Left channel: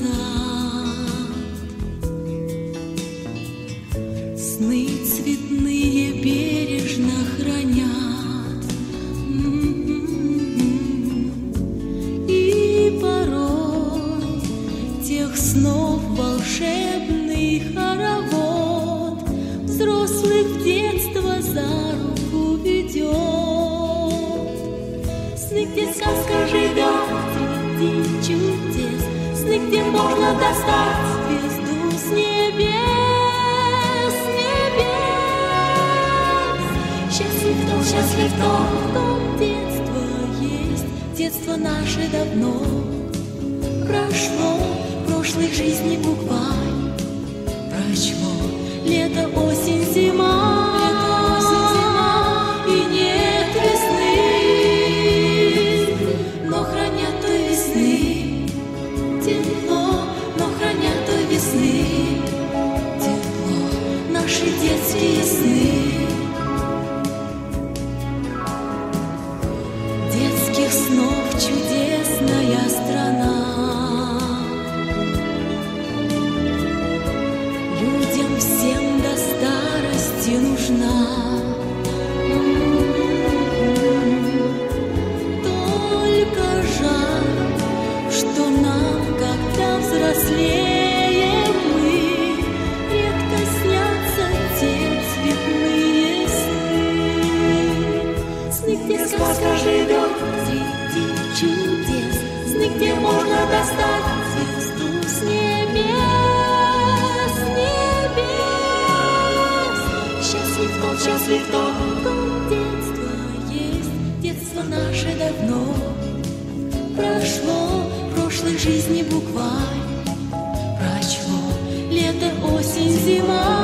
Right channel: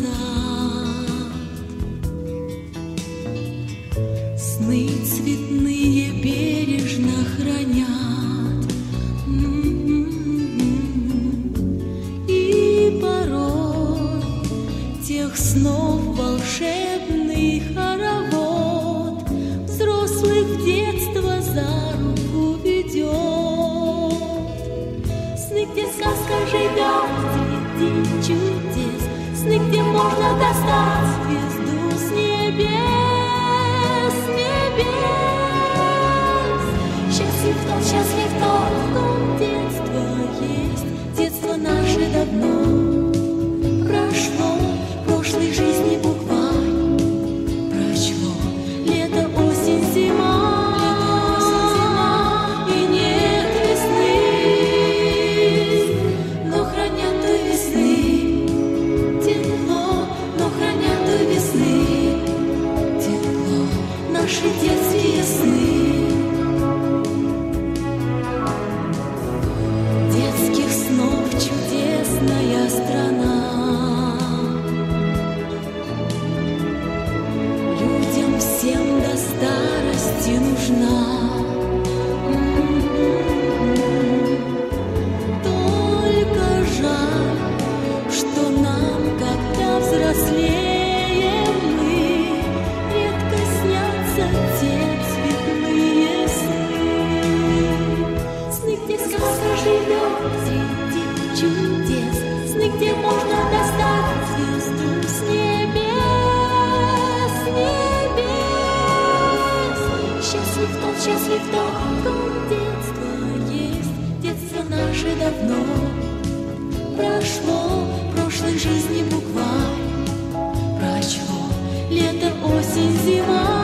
назад. Сны цветные бережно хранят, и порой тех снов волшебный хоровод взрослых в детство за руку ведет. Сны, где сказка живет среди чудес, сны, где можно достать звезду с небес, счастлив тот, в ком детство есть. Детство наше давно прошло, прошлой жизни букварь прочло. Лето, осень, зима, и нет весны, но хранят той весны тепло, но хранят той весны тепло наши детские сны. Детских снов чудесная страна, людям всем до старости нужна. Только жаль, что нам, когда взрослеем мы, редко снятся те цветные сны. Сны, где сказка живет среди чудес, сны, где можно достать звезду с небес, счастлив тот, в ком детство есть. Детство наше давно прошло, прошлой жизни букварь прочло. Лето, осень, зима,